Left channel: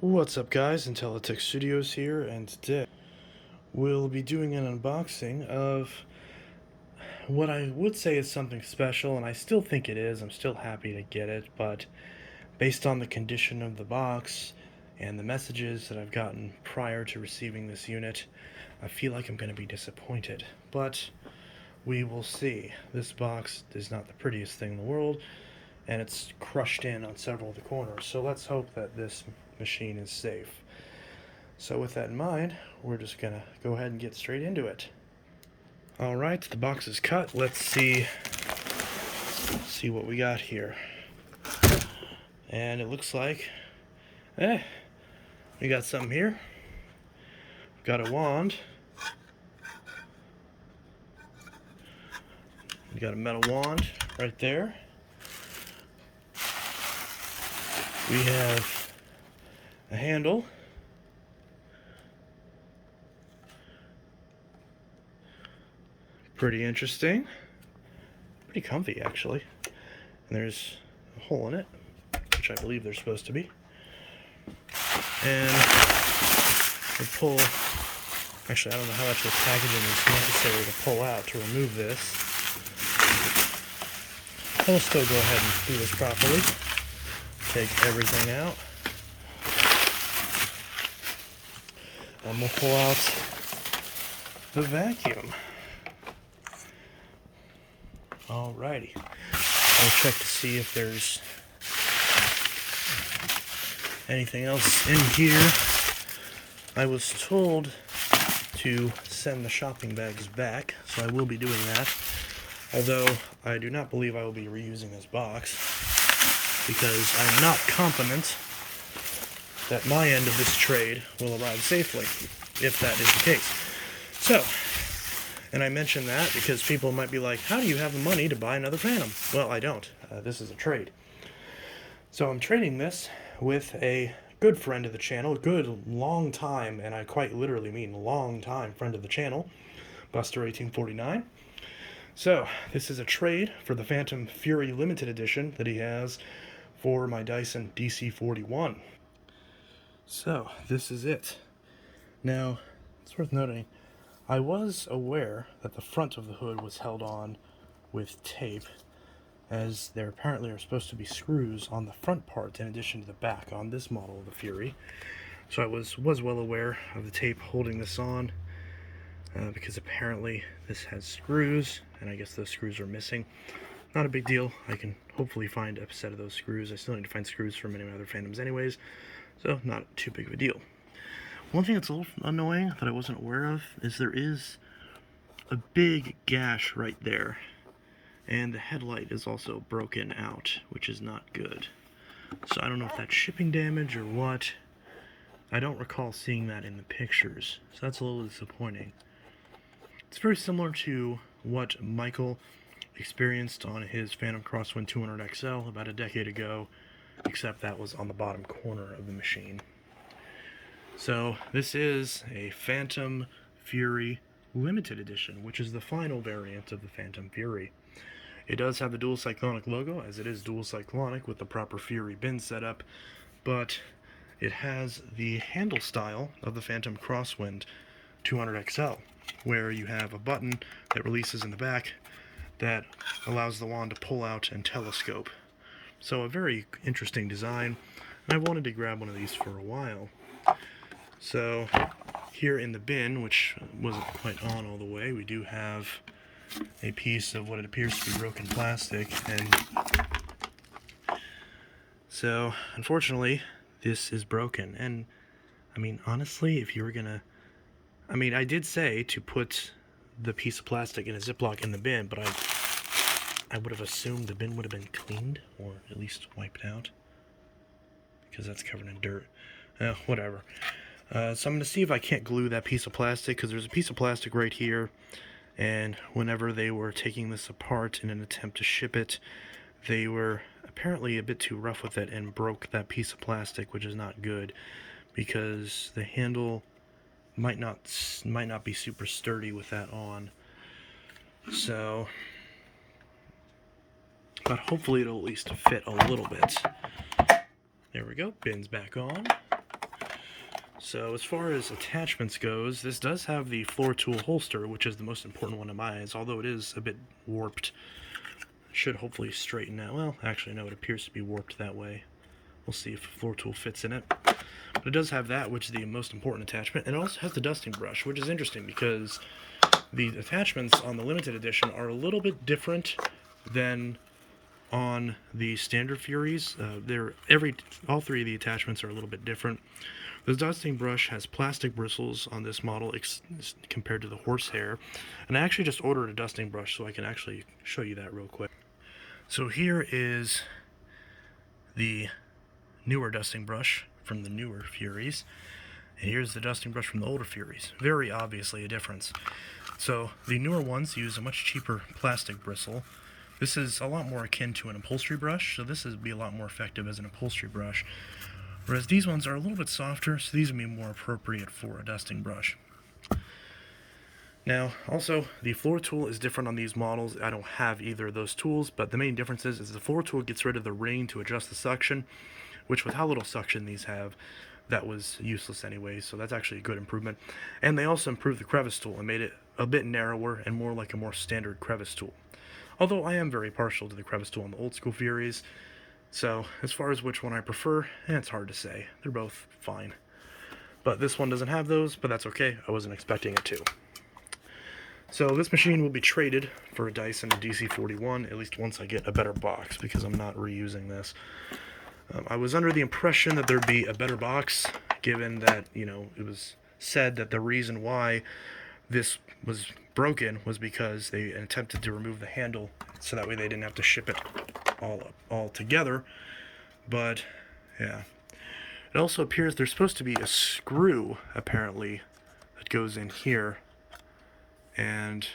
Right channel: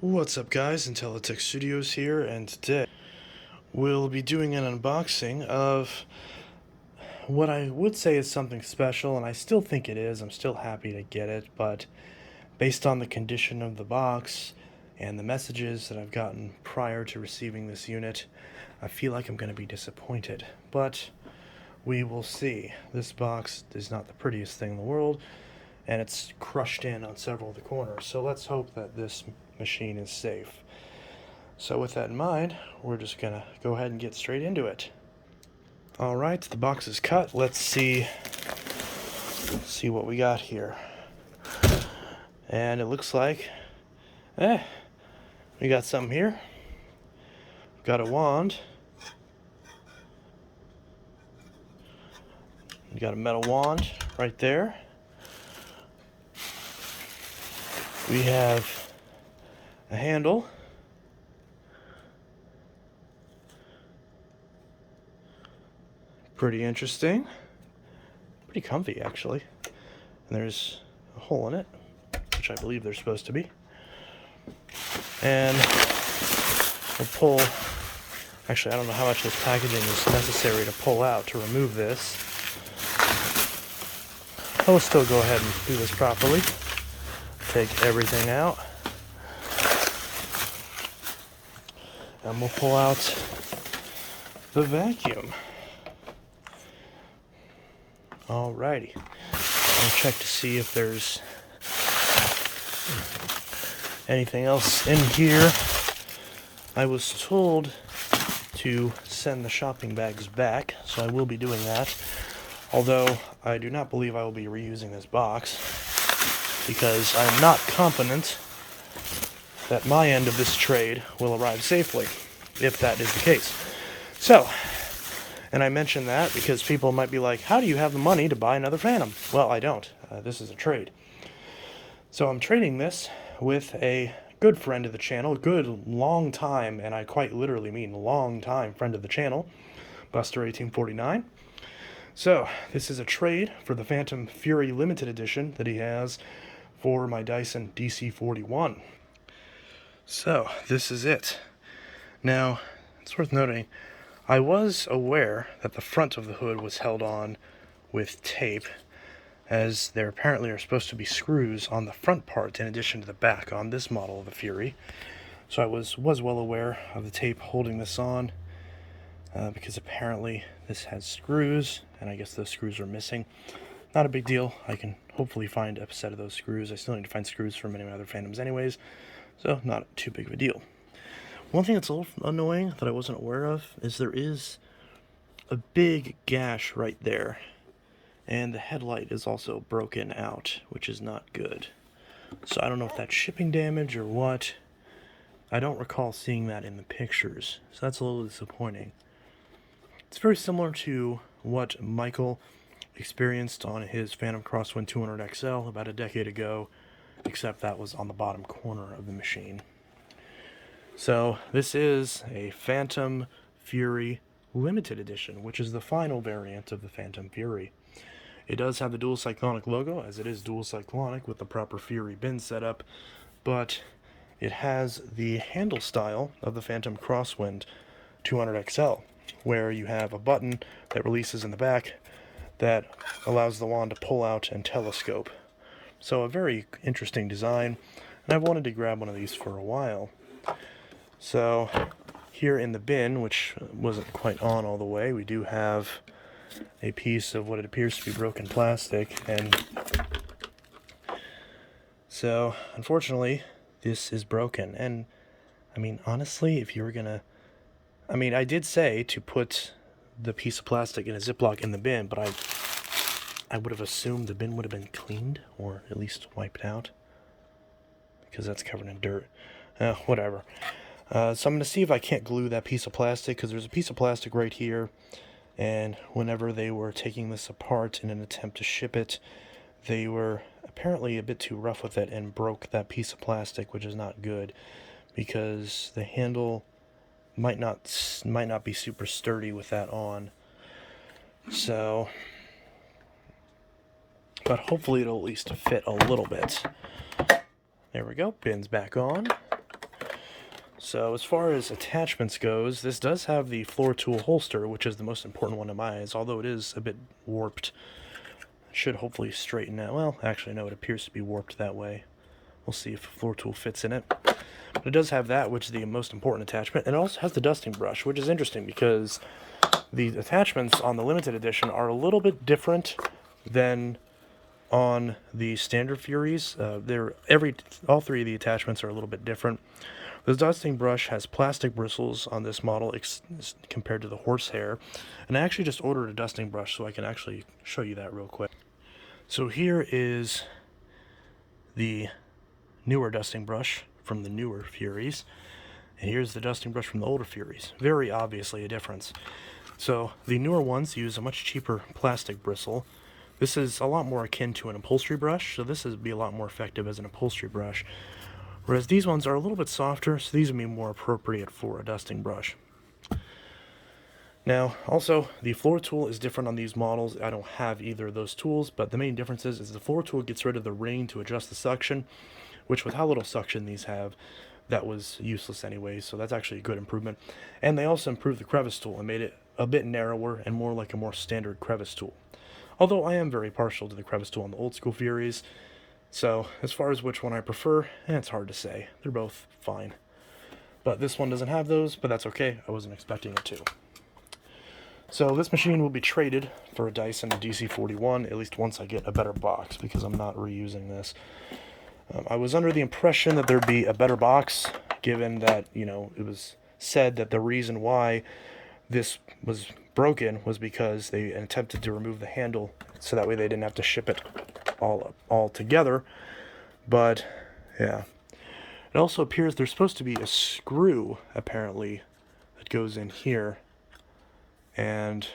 What's up guys, Intellitech Studios here, and today we'll be doing an unboxing of what I would say is something special, and I still think it is. I'm still happy to get it, but based on the condition of the box and the messages that I've gotten prior to receiving this unit, I feel like I'm going to be disappointed. But we will see. This box is not the prettiest thing in the world, and it's crushed in on several of the corners, so let's hope that this machine is safe. So with that in mind, we're just gonna go ahead and get straight into it. Alright, the box is cut. Let's see what we got here. And it looks like we got something here. We've got a wand. We got a metal wand right there. We have a handle. Pretty interesting. Pretty comfy, actually. And there's a hole in it, which I believe there's supposed to be. And we'll pull... Actually, I don't know how much this packaging is necessary to pull out to remove this. I will still go ahead and do this properly. Take everything out. And we'll pull out the vacuum. Alrighty. I'll check to see if there's anything else in here. I was told to send the shopping bags back, so I will be doing that. Although I do not believe I will be reusing this box, because I am not confident that my end of this trade will arrive safely, if that is the case. So, and I mention that because people might be like, how do you have the money to buy another Fantom? Well, I don't. This is a trade. So I'm trading this with a good friend of the channel, a good long time, and I quite literally mean long time friend of the channel, Buster1849. So this is a trade for the Fantom Fury Limited Edition that he has for my Dyson DC41. So this is it. Now, it's worth noting, I was aware that the front of the hood was held on with tape, as there apparently are supposed to be screws on the front part in addition to the back on this model of the Fury. So I was well aware of the tape holding this on, because apparently this has screws, and I guess those screws are missing. Not a big deal. I can hopefully find a set of those screws. I still need to find screws for many other Fantoms anyways, so not too big of a deal. One thing that's a little annoying that I wasn't aware of is there is a big gash right there, and the headlight is also broken out, which is not good. So I don't know if that's shipping damage or what. I don't recall seeing that in the pictures, so that's a little disappointing. It's very similar to what Michael experienced on his Fantom Crosswind 200 XL about a decade ago, except that was on the bottom corner of the machine. So this is a Fantom Fury Limited Edition, which is the final variant of the Fantom Fury. It does have the dual cyclonic logo, as it is dual cyclonic with the proper Fury bin setup, but it has the handle style of the Fantom Crosswind 200 XL, where you have a button that releases in the back that allows the wand to pull out and telescope. So a very interesting design, and I've wanted to grab one of these for a while. So here in the bin, which wasn't quite on all the way, we do have a piece of what it appears to be broken plastic, and so unfortunately this is broken. And I mean, honestly, if you were gonna, I mean, I did say to put the piece of plastic in a Ziploc in the bin, but I would have assumed the bin would have been cleaned, or at least wiped out, because that's covered in dirt. Whatever. So I'm going to see if I can't glue that piece of plastic, because there's a piece of plastic right here, and whenever they were taking this apart in an attempt to ship it, they were apparently a bit too rough with it and broke that piece of plastic, which is not good, because the handle might not be super sturdy with that on. So, but hopefully it'll at least fit a little bit. There we go, bin's back on. So as far as attachments goes, this does have the floor tool holster, which is the most important one in my eyes, although it is a bit warped. It should hopefully straighten out. Well, actually no, it appears to be warped that way. We'll see if the floor tool fits in it. But it does have that, which is the most important attachment. And it also has the dusting brush, which is interesting because the attachments on the limited edition are a little bit different than on the standard Furies. All three of the attachments are a little bit different. The dusting brush has plastic bristles on this model compared to the horsehair. And I actually just ordered a dusting brush so I can actually show you that real quick. So here is the newer dusting brush from the newer Furies. And here's the dusting brush from the older Furies. Very obviously a difference. So the newer ones use a much cheaper plastic bristle. This is a lot more akin to an upholstery brush, so this would be a lot more effective as an upholstery brush. Whereas these ones are a little bit softer, so these would be more appropriate for a dusting brush. Now, also, the floor tool is different on these models. I don't have either of those tools, but the main difference is the floor tool gets rid of the ring to adjust the suction, which with how little suction these have, that was useless anyway, so that's actually a good improvement. And they also improved the crevice tool and made it a bit narrower and more like a more standard crevice tool. Although I am very partial to the crevice tool on the old school Furies, so as far as which one I prefer, it's hard to say. They're both fine. But this one doesn't have those, but that's okay. I wasn't expecting it to. So this machine will be traded for a Dyson DC41, at least once I get a better box, because I'm not reusing this. I was under the impression that there'd be a better box, given that, it was said that the reason why this was broken was because they attempted to remove the handle, so that way they didn't have to ship it all together. But yeah, it also appears there's supposed to be a screw apparently that goes in here and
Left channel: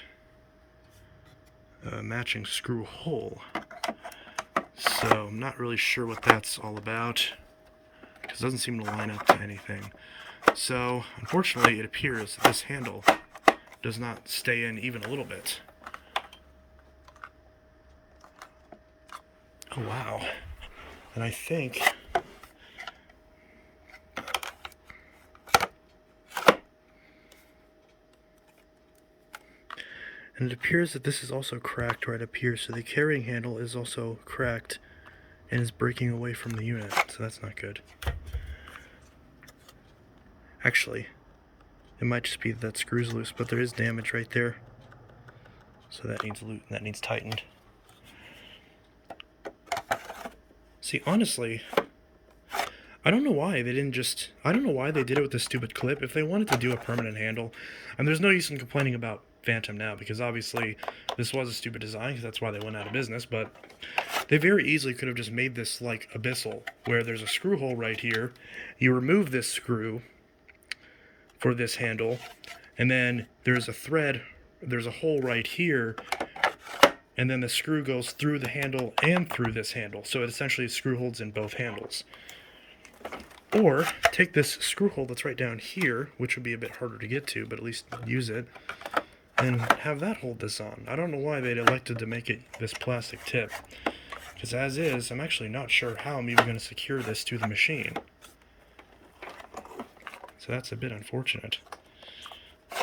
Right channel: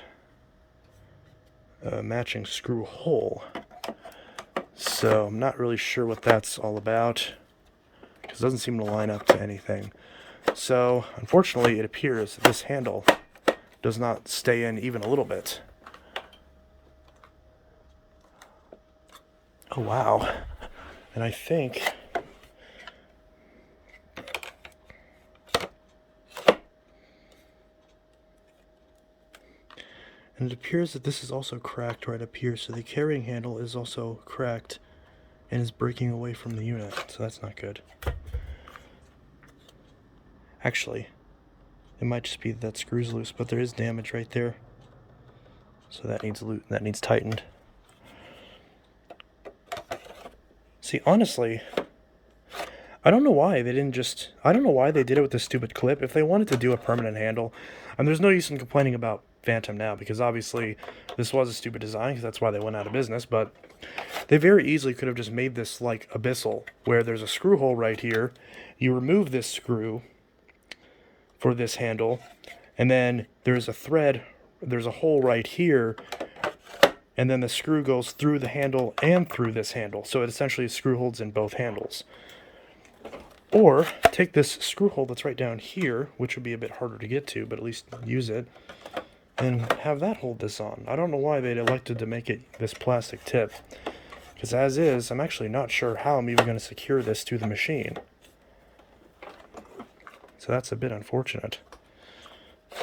a matching screw hole. So I'm not really sure what that's all about, because it doesn't seem to line up to anything. So unfortunately it appears that this handle does not stay in even a little bit. Oh wow. And I think and it appears that this is also cracked right up here, so the carrying handle is also cracked and is breaking away from the unit, so that's not good. Actually, it might just be that screw's loose, but there is damage right there, so that needs tightened. See, honestly, I don't know why they didn't just... I don't know why they did it with this stupid clip. If they wanted to do a permanent handle, and there's no use in complaining about Fantom now, because obviously this was a stupid design, because that's why they went out of business, but they very easily could have just made this like Abyssal, where there's a screw hole right here. You remove this screw for this handle, and then there's a hole right here, and then the screw goes through the handle and through this handle, so it essentially screw holes in both handles. Or take this screw hole that's right down here, which would be a bit harder to get to, but at least use it, and have that hold this on. I don't know why they'd elected to make it this plastic tip, because as is, I'm actually not sure how I'm even going to secure this to the machine. So that's a bit unfortunate.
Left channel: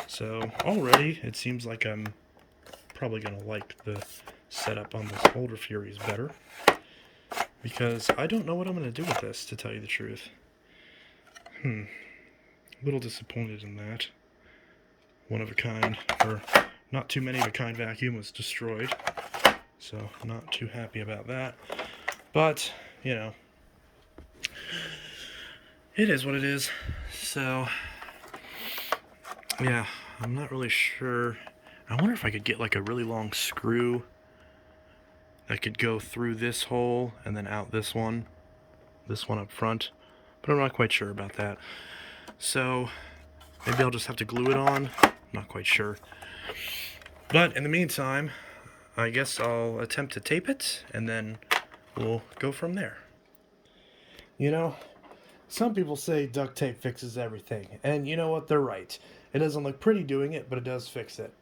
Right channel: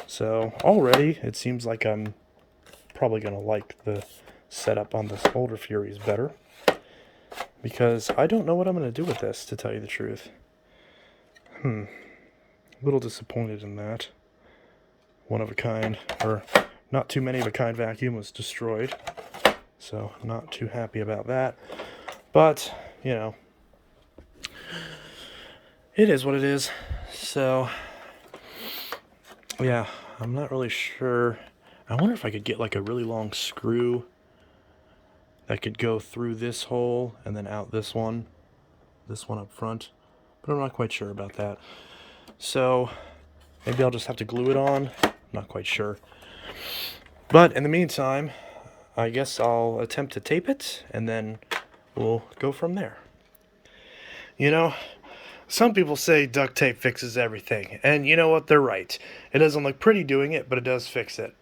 So already it seems like I'm probably going to like the setup on this older Furies better, because I don't know what I'm going to do with this, to tell you the truth. A little disappointed in that. One of a kind, or not too many of a kind vacuum was destroyed, so not too happy about that. But, it is what it is. So, yeah, I'm not really sure. I wonder if I could get like a really long screw that could go through this hole and then out this one up front, but I'm not quite sure about that. So maybe I'll just have to glue it on. I'm not quite sure. But in the meantime, I guess I'll attempt to tape it, and then we'll go from there. Some people say duct tape fixes everything, and you know what? They're right. It doesn't look pretty doing it, but it does fix it.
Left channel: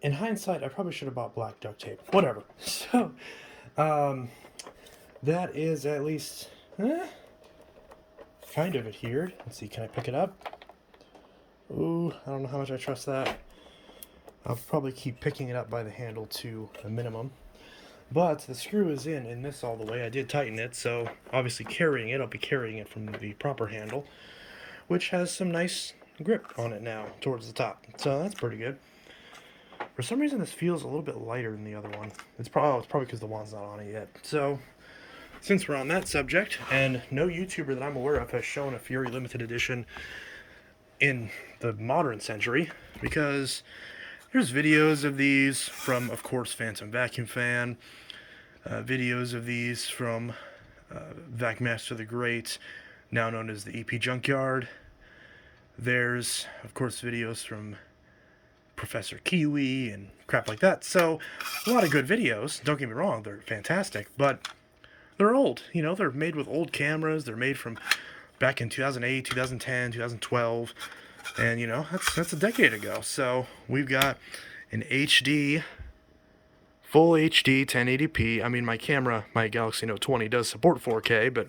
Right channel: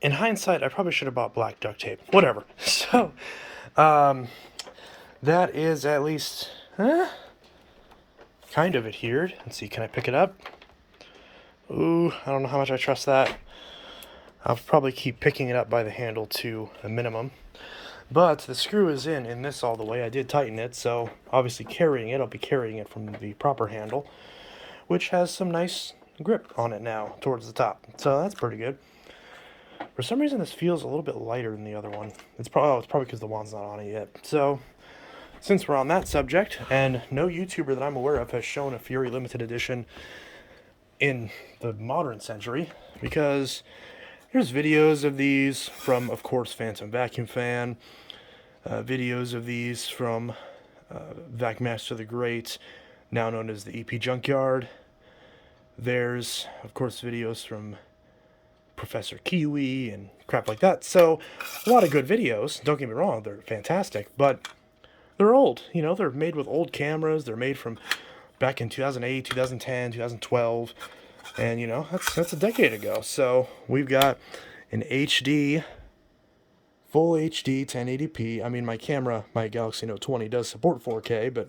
In hindsight, I probably should have bought black duct tape. Whatever. So, that is at least... kind of adhered. Let's see, can I pick it up? Ooh, I don't know how much I trust that. I'll probably keep picking it up by the handle to a minimum. But the screw is in this all the way. I did tighten it, so obviously carrying it, I'll be carrying it from the proper handle, which has some nice grip on it now towards the top. So that's pretty good. For some reason, this feels a little bit lighter than the other one. It's probably because the wand's not on it yet. So since we're on that subject, and no YouTuber that I'm aware of has shown a Fury limited edition in the modern century, because there's videos of these from, of course, Fantom Vacuum Fan, videos of these from Vacmaster the Great, now known as the EP Junkyard. There's, of course, videos from Professor Kiwi and crap like that. So, a lot of good videos. Don't get me wrong, they're fantastic, but they're old. You know, they're made with old cameras. They're made from back in 2008, 2010, 2012, and you know, that's a decade ago. So we've got an HD, full HD 1080p. I mean, my camera, my Galaxy Note 20 does support 4K, but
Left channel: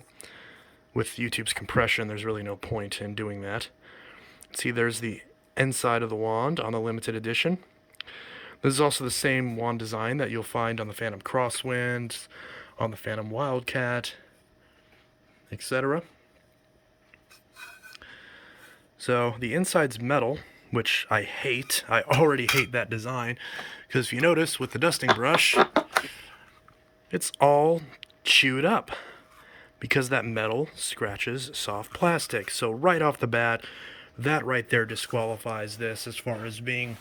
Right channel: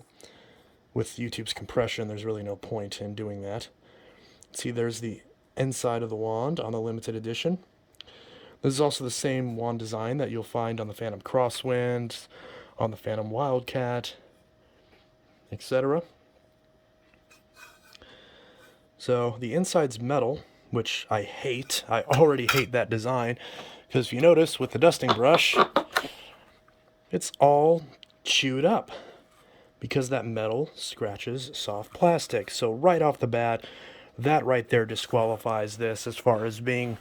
with YouTube's compression, there's really no point in doing that. See, there's the inside of the wand on the limited edition. This is also the same wand design that you'll find on the Fantom Crosswind, on the Fantom Wildcat, etc. So the inside's metal, which I hate. I already hate that design, because if you notice with the dusting brush, it's all chewed up because that metal scratches soft plastic. So right off the bat, that right there disqualifies this as far as being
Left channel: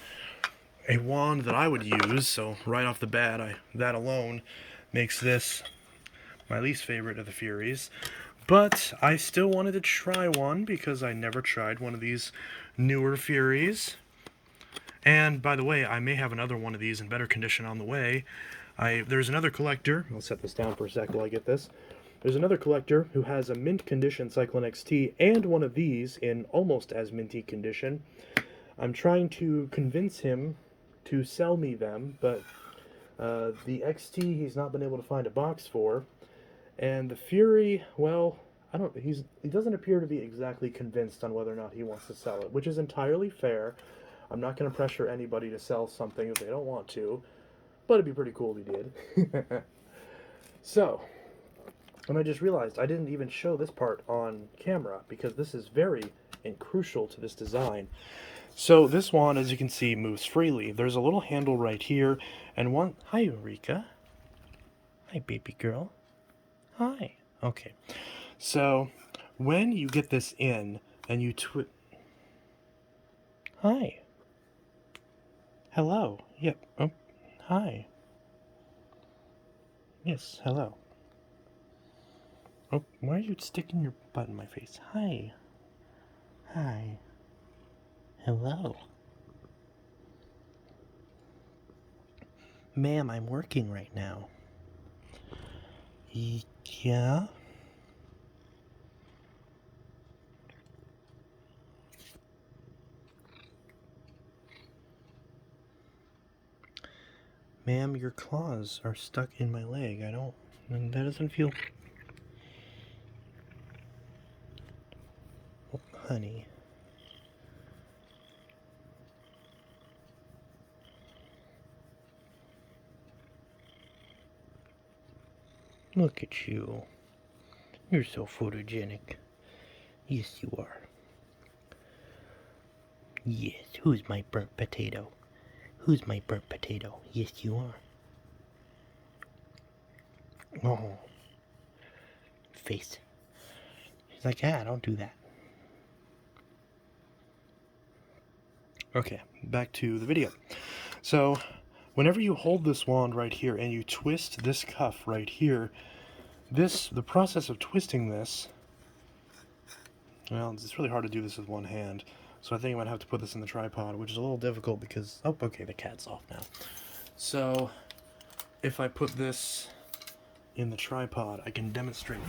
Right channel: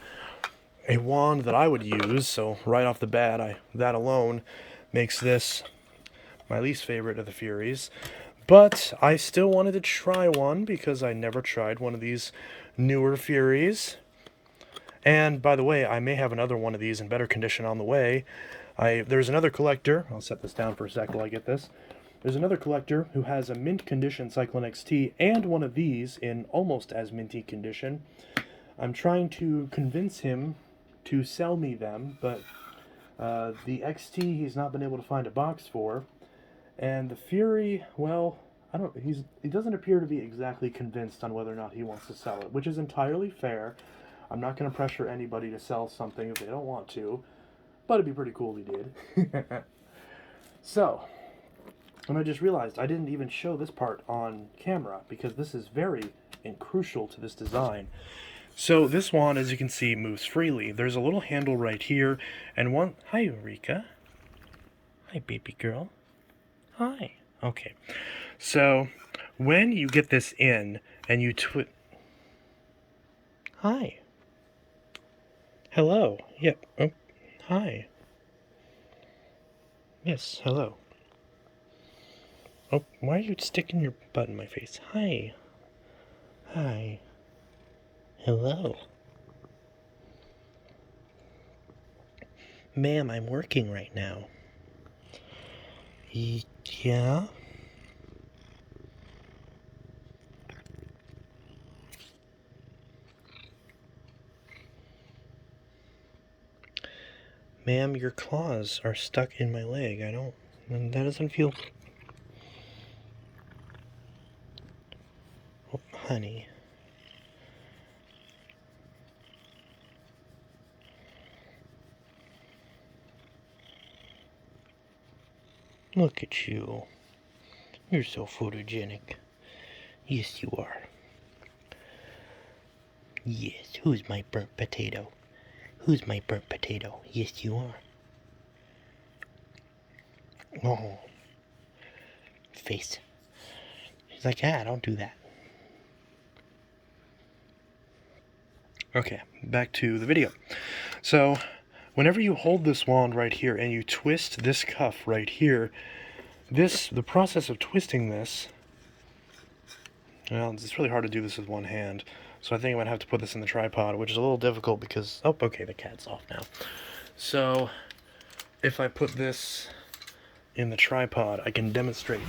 a wand that I would use. So right off the bat, that alone makes this my least favorite of the Furies. But I still wanted to try one because I never tried one of these newer Furies. And by the way, I may have another one of these in better condition on the way. There's another collector. I'll set this down for a sec while I get this. There's another collector who has a mint condition Cyclone XT and one of these in almost as minty condition. I'm trying to convince him to sell me them, but the XT he's not been able to find a box for. And the Fury, well, he doesn't appear to be exactly convinced on whether or not he wants to sell it, which is entirely fair. I'm not going to pressure anybody to sell something if they don't want to, but it'd be pretty cool if he did. So, and I just realized I didn't even show this part on camera, because this is very crucial to this design. So this wand, as you can see, moves freely. There's a little handle right here, and one... Hi, Eureka. Hi, baby girl. Hi. Okay. So, when you get this in, and you Hi. Hello. Yep. Oh, hi. Yes, hello. Oh, why are you sticking your butt in my face? Hi. Hi. Hello. Ma'am, I'm working right now. Yeah? Ma'am, your claws are stuck in my leg. That doesn't feel... Oh, honey. Look at you. You're so photogenic. Yes, you are. Yes, who's my burnt potato? Who's my burnt potato? Yes, you are. Oh. Face. He's like, don't do that. Okay, back to the video. So, whenever you hold this wand right here and you twist this cuff right here, the process of twisting this, well, it's really hard to do this with one hand. So I think I might have to put this in the tripod, which is a little difficult because... Oh, okay, the cat's off now. So, if I put this in the tripod, I can demonstrate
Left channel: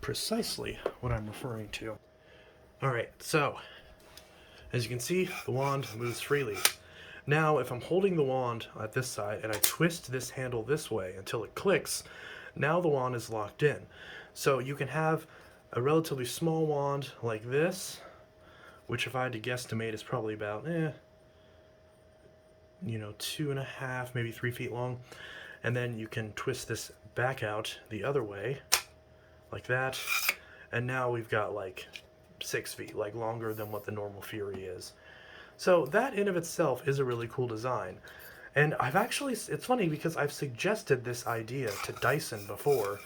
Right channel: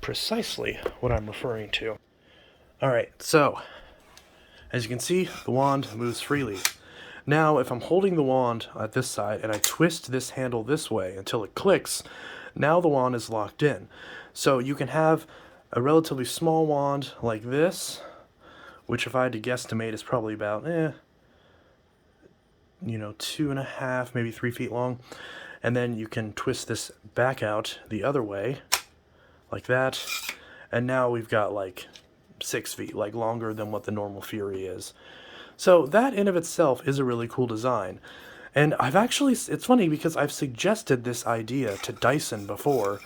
precisely what I'm referring to. Alright, so, as you can see, the wand moves freely. Now, if I'm holding the wand at this side and I twist this handle this way until it clicks, now the wand is locked in. So you can have a relatively small wand like this, which if I had to guesstimate is probably about, 2.5, maybe 3 feet long. And then you can twist this back out the other way, like that. And now we've got like 6 feet, like longer than what the normal Fury is. So that in of itself is a really cool design. And I've actually, it's funny because I've suggested this idea to Dyson before,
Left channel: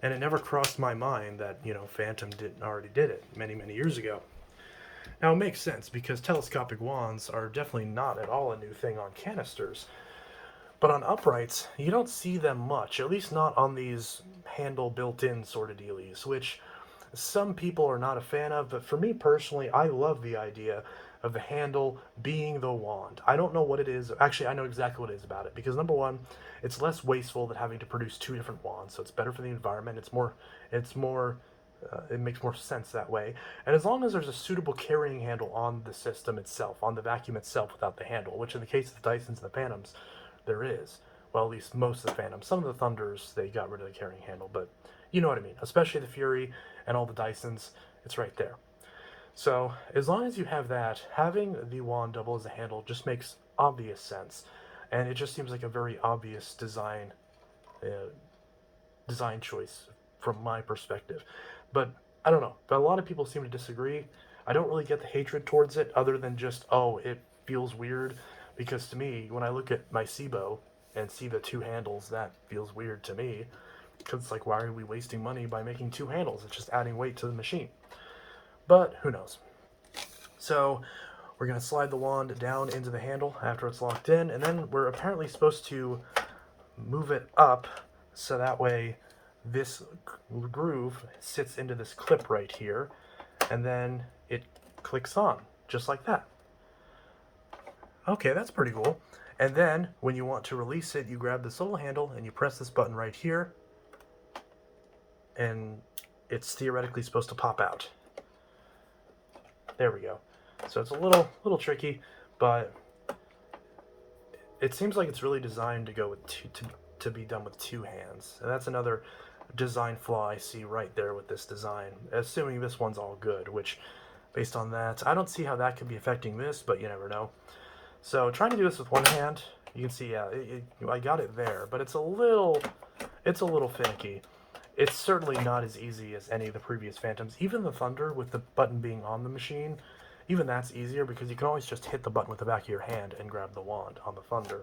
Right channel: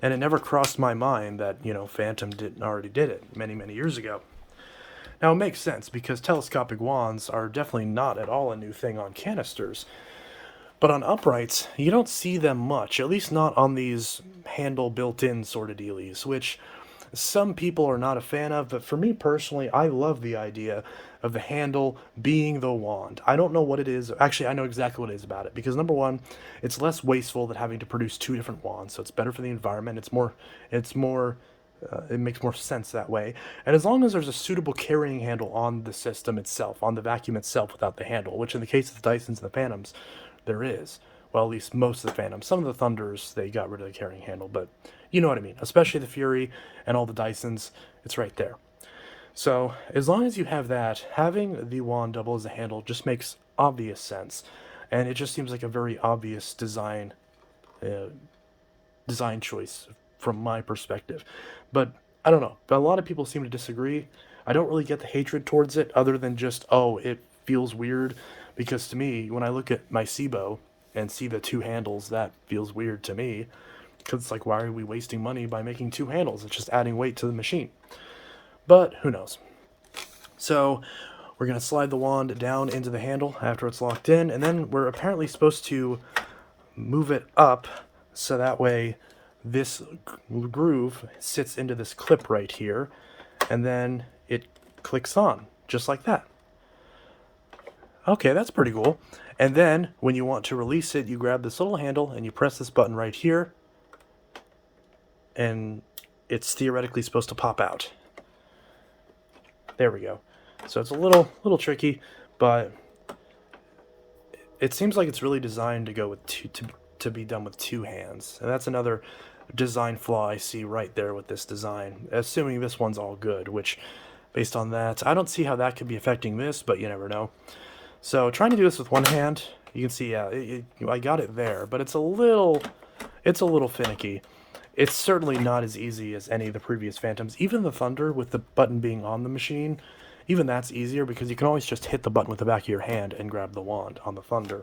and it never crossed my mind that, Fantom already did it many years ago. Now it makes sense because telescopic wands are definitely not at all a new thing on canisters. But on uprights, you don't see them much, at least not on these handle built-in sort of dealies, which some people are not a fan of, but for me personally, I love the idea of the handle being the wand. I don't know what it is. Actually, I know exactly what it is about it, because number one, it's less wasteful than having to produce 2 different wands, so it's better for the environment. It makes more sense that way. And as long as there's a suitable carrying handle on the system itself, on the vacuum itself without the handle, which in the case of the Dysons and the Phantoms, there is. Well, at least most of the Phantoms. Some of the Thunders, they got rid of the carrying handle, but you know what I mean. Especially the Fury and all the Dysons, it's right there. So as long as you have that, having the wand double as a handle just makes obvious sense. And it just seems like a very obvious design choice from my perspective. But I don't know. But a lot of people seem to disagree. I don't really get the hatred towards it other than just, oh, it feels weird. Because to me, when I look at my Cibo and see the 2 handles, that feels weird to me. Because it's like, why are we wasting money by making 2 handles? It's just adding weight to the machine. But who knows? So we're going to slide the wand down into the handle after it's locked in. And then we're apparently supposed to move it up so that way this groove sits into this clip right here. And then it clicks on, just like that. Okay, that's pretty cool. And then when you want to release it, you grab this little handle and you press this button right here, and it's theoretically supposed to pop out. There we go. So it's a little tricky, but it seems like it's really designed to go with to be done with 2 hands. And that's another design flaw I see right there with this design, assuming this one's all good, which based on that, I don't see how that could be affecting this, but you never know. So trying to do this with one hand, you can see, yeah, I got it there, but it's a little finicky. It's certainly not as easy as any of the previous Phantoms. Even the Thunder, with the button being on the machine, even that's easier because you can always just hit the button with the back of your hand and grab the wand on the Thunder.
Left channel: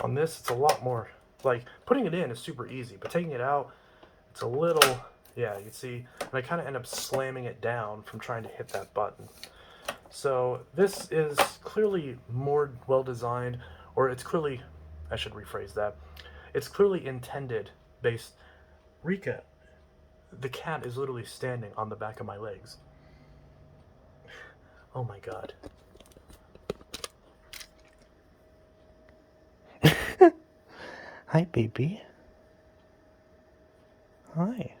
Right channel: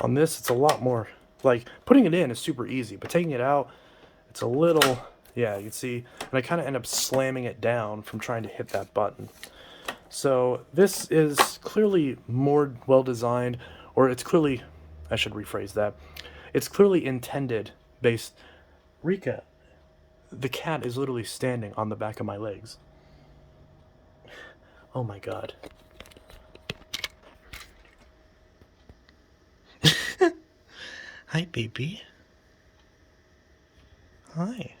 On this, it's a lot more, like, putting it in is super easy, but taking it out, it's a little, yeah, you can see, and I kind of end up slamming it down from trying to hit that button. So this is clearly more well-designed, or it's clearly, I should rephrase that, it's clearly intended based, Rika, the cat is literally standing on the back of my legs. Oh my god. Hi, baby. Hi.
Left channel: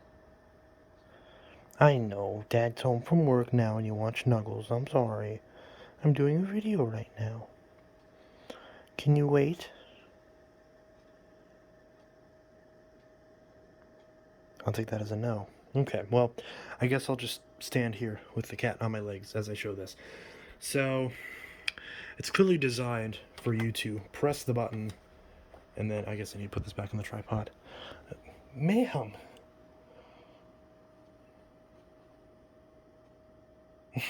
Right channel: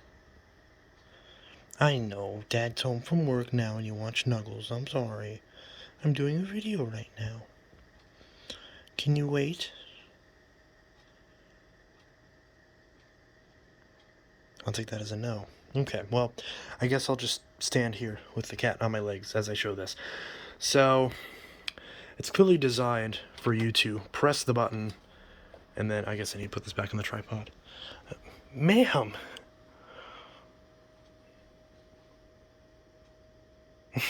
I know, Dad's home from work now and you want snuggles. I'm sorry. I'm doing a video right now. Can you wait? I'll take that as a no. Okay, well, I guess I'll just stand here with the cat on my legs as I show this. So, it's clearly designed for you to press the button, and then I guess I need to put this back on the tripod. Ma'am!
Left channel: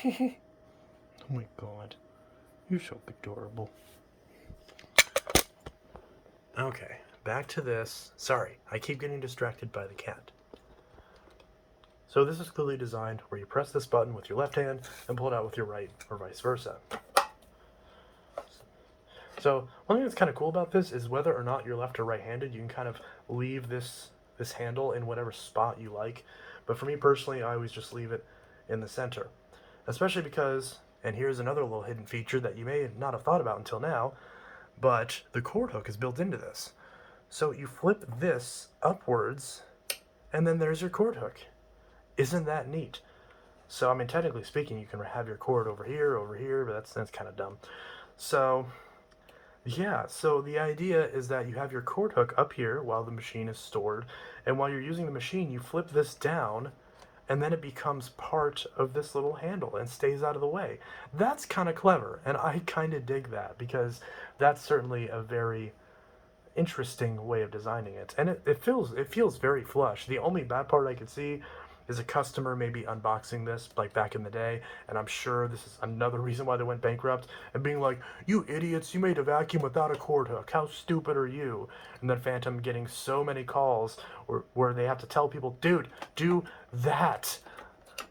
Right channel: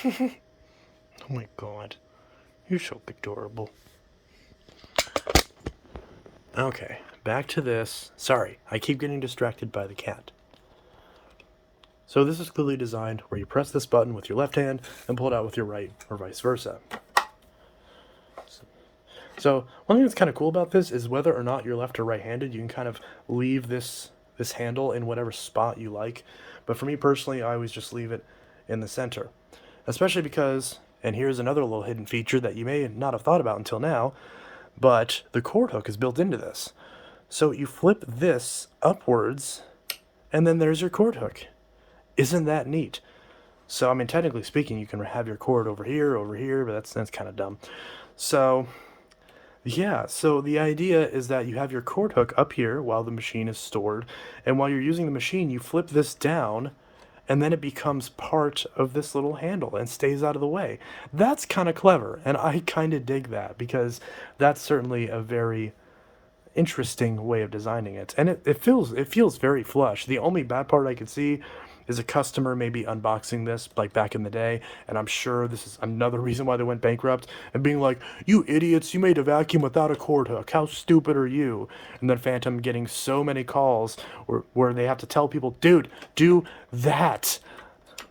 Oh my god. You're so adorable. Okay, back to this. Sorry, I keep getting distracted by the cat. So this is clearly designed where you press this button with your left hand and pull it out with your right, or vice versa. So one thing that's kind of cool about this is whether or not you're left or right-handed, you can kind of leave this handle in whatever spot you like. But for me personally, I always just leave it in the center. Especially because, and here's another little hidden feature that you may not have thought about until now, but the cord hook is built into this. So you flip this upwards, and then there's your cord hook. Isn't that neat? So, I mean, technically speaking, you can have your cord over here, but that's kind of dumb. So, yeah, so the idea is that you have your cord hook up here while the machine is stored, and while you're using the machine, you flip this down, and then it becomes part of this little handle and stays out of the way. That's kind of clever, and I kind of dig that, because that's certainly a very interesting way of designing it, and it feels very flush. The only bad part I could see is a customer maybe unboxing this like back in the day, and I'm sure this is another reason why they went bankrupt, and being like, "You idiots, you made a vacuum without a cord hook. How stupid are you?" And then Fantom getting so many calls where they have to tell people, "Dude, do that."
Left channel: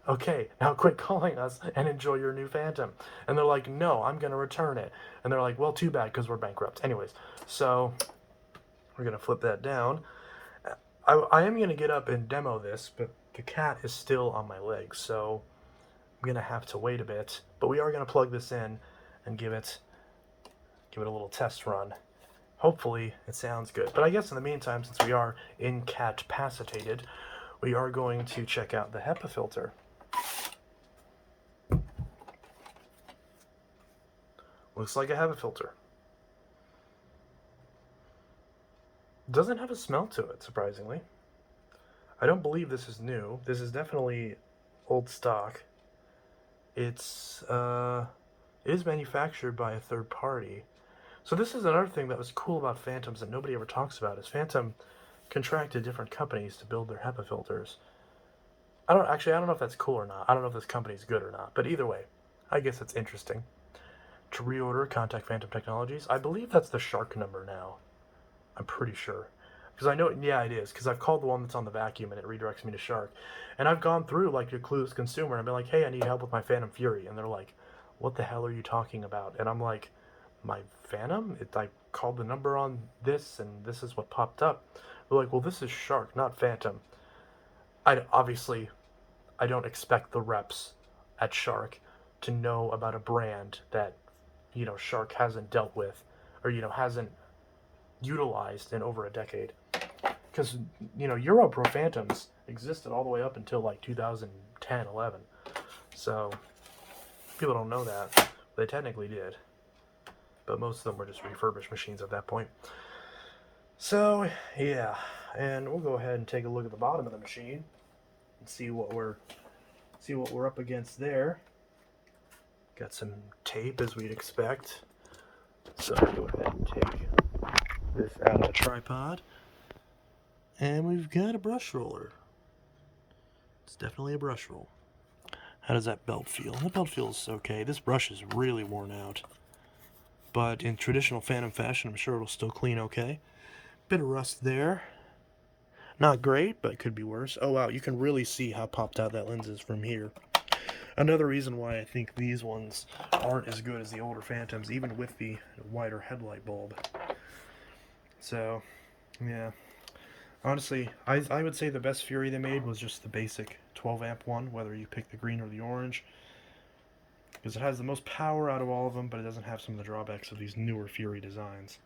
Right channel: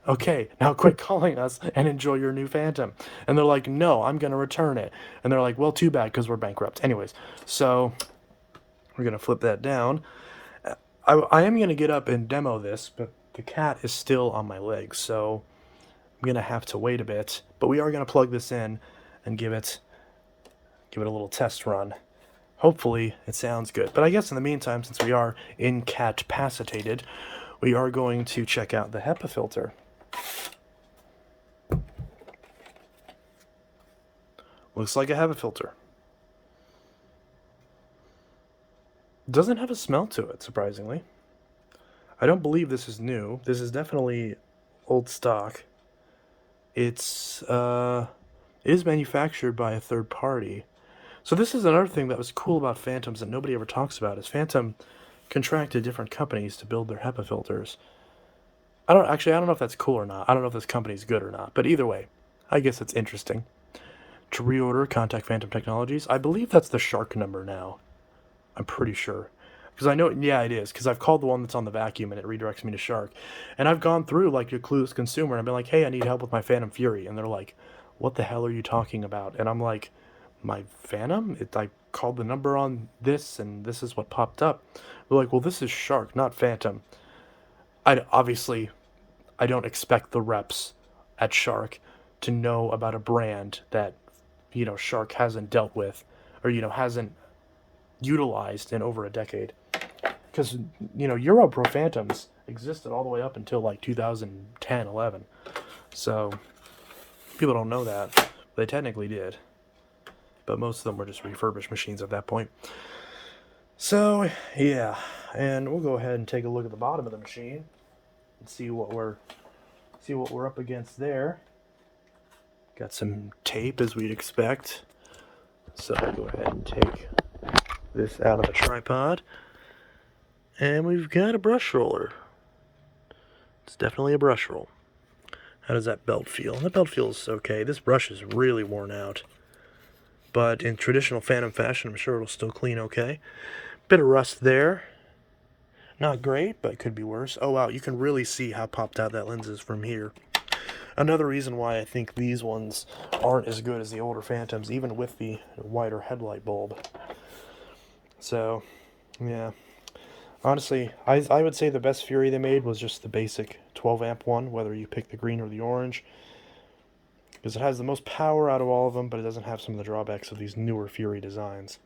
Okay, now quit calling us and enjoy your new Fantom. And they're like, "No, I'm going to return it." And they're like, "Well, too bad, because we're bankrupt." Anyways, so we're going to flip that down. I am going to get up and demo this, but the cat is still on my legs, so I'm going to have to wait a bit. But we are going to plug this in and give it a little test run. Hopefully it sounds good. But I guess in the meantime, since we are incapacitated, we are going to check out the HEPA filter. Looks like a HEPA filter. Doesn't have a smell to it, surprisingly. I don't believe this is new. This is definitely old stock. It is manufactured by a third party. So this is another thing that was cool about Fantoms that nobody ever talks about, is Fantom contracted different companies to build their HEPA filters. I don't know if that's cool or not. I don't know if this company's good or not. But either way, I guess it's interesting. To reorder, contact Fantom Technologies. I believe that's the Shark number now. I'm pretty sure. Because I know, yeah, it is. Because I've called the one that's on the vacuum and it redirects me to Shark. And I've gone through like your Clueless Consumer and I've been like, "Hey, I need help with my Phantom Fury." And they're like, "What the hell are you talking about?" And I'm like, "My Phantom? I called the number on this and this is what popped up." They're like, "Well, this is Shark, not Fantom." Obviously, I don't expect the reps at Shark to know about a brand that, Shark hasn't dealt with, or, hasn't utilized in over a decade. Because, Europro Phantoms existed all the way up until like 2010, 11. So, people don't know that. They technically did. But most of them were just refurbished machines at that point. So, yeah. And we'll go ahead and take a look at the bottom of the machine and see what we're up against there. Got some tape, as we'd expect. So we'll go ahead and take this out of the tripod. And we've got a brush roller. It's definitely a brush roll. How does that belt feel? That belt feels okay. This brush is really worn out. But in traditional Fantom fashion, I'm sure it'll still clean okay. Bit of rust there. Not great, but could be worse. Oh wow, you can really see how popped out that lens is from here. Another reason why I think these ones aren't as good as the older Fantoms, even with the wider headlight bulb. So, yeah. Honestly, I would say the best Fury they made was just the basic 12 amp one, whether you pick the green or the orange. Because it has the most power out of all of them, but it doesn't have some of the drawbacks of these newer Fury designs.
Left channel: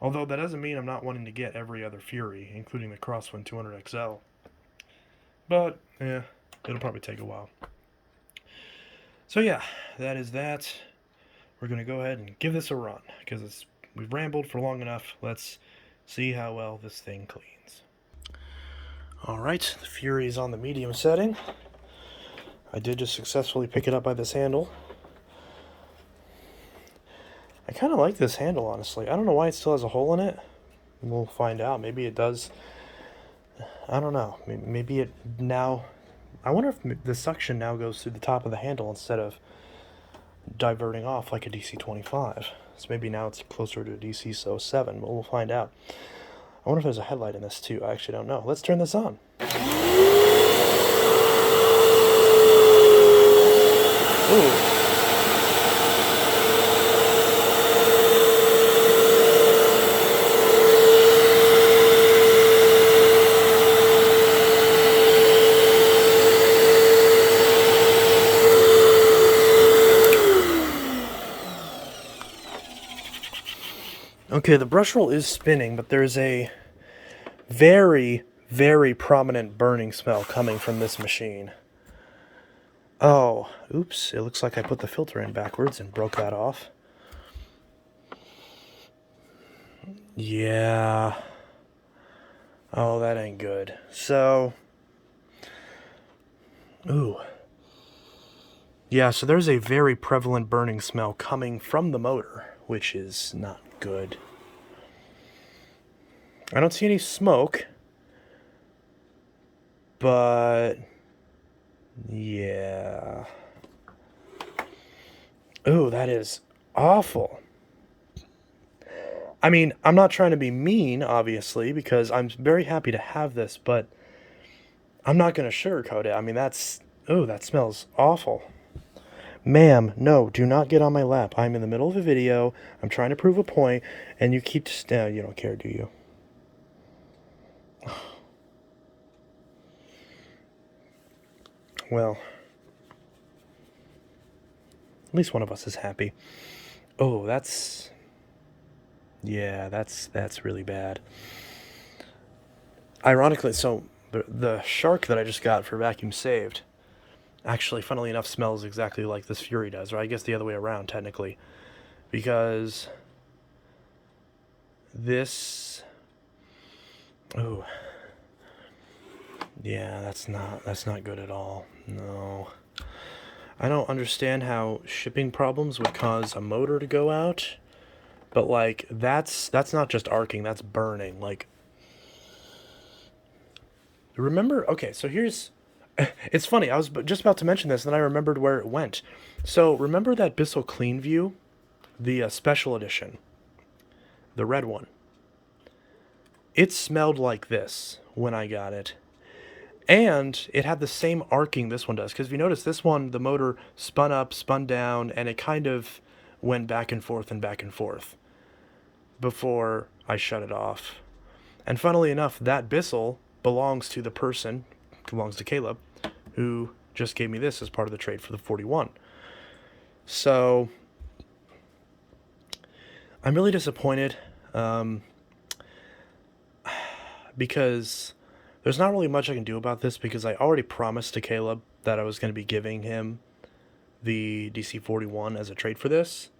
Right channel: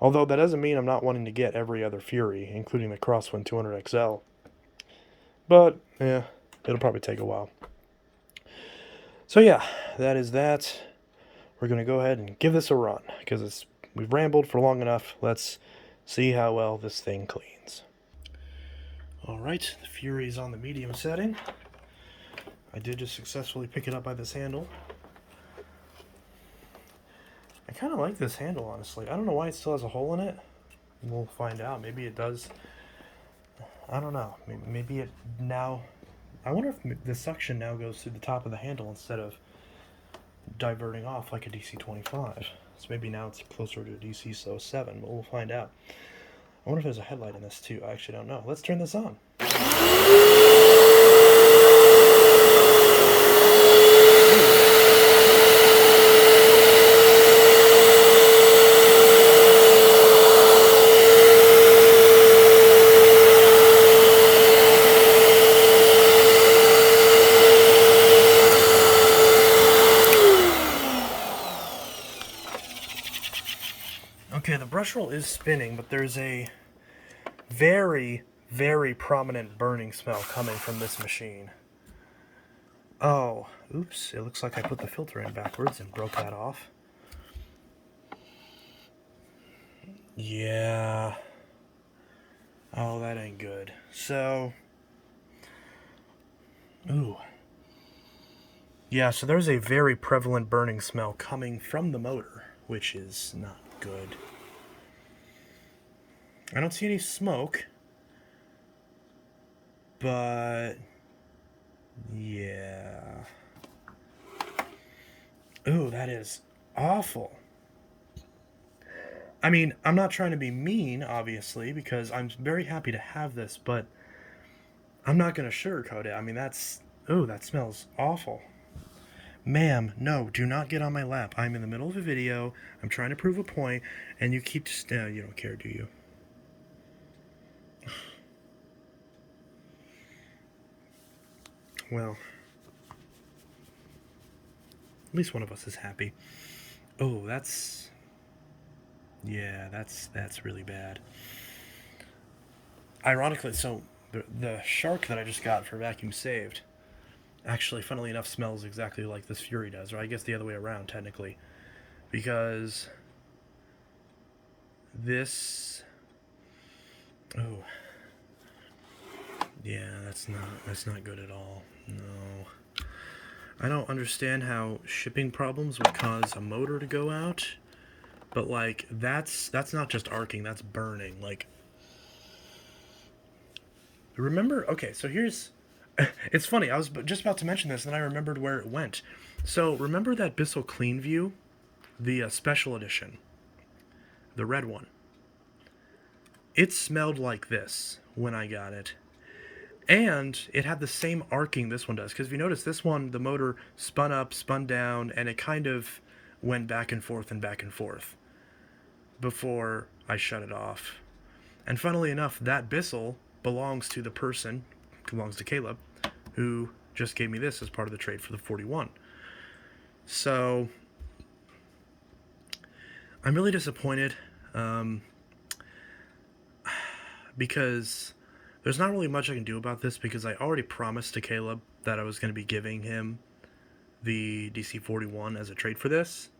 Although that doesn't mean I'm not wanting to get every other Fury, including the Crosswind 200XL. But, yeah, it'll probably take a while. So yeah, that is that. We're going to go ahead and give this a run, because we've rambled for long enough. Let's see how well this thing cleans. Alright, the Fury is on the medium setting. I did just successfully pick it up by this handle. I kind of like this handle, honestly. I don't know why it still has a hole in it. We'll find out. Maybe it does. I don't know. Maybe it now... I wonder if the suction now goes through the top of the handle instead of diverting off like a DC-25. So maybe now it's closer to a DC-07, but we'll find out. I wonder if there's a headlight in this too. I actually don't know. Let's turn this on. Ooh. Okay, the brush roll is spinning, but there's a very, very prominent burning smell coming from this machine. Oh, oops, it looks like I put the filter in backwards and broke that off. Yeah. Oh, that ain't good. So, Ooh. Yeah, so there's a very prevalent burning smell coming from the motor, which is not good. I don't see any smoke, but yeah. Ooh, that is awful. I mean, I'm not trying to be mean, obviously, because I'm very happy to have this, but I'm not going to sugarcoat it. I mean, that's... Ooh, that smells awful. Ma'am, no, do not get on my lap. I'm in the middle of a video. I'm trying to prove a point, and you keep... you don't care, do you? Well, at least one of us is happy. Oh, that's... Yeah, that's really bad. Ironically, so the Shark that I just got for Vacuum Saved actually, funnily enough, smells exactly like this Fury does, or I guess the other way around, technically. Because this... Oh. Yeah, that's not good at all. No. I don't understand how shipping problems would cause a motor to go out, but like that's not just arcing, that's burning. Like, remember? Okay, so here's it's funny. I was just about to mention this, and then I remembered where it went. So remember that Bissell Clean View, the special edition, the red one. It smelled like this when I got it. And it had the same arcing this one does. Because if you notice, this one, the motor spun up, spun down, and it kind of went back and forth before I shut it off. And funnily enough, that Bissell belongs to the person, belongs to Caleb, who just gave me this as part of the trade for the 41. So, I'm really disappointed. Because... There's not really much I can do about this because I already promised to Caleb that I was going to be giving him the DC-41 as a trade for this.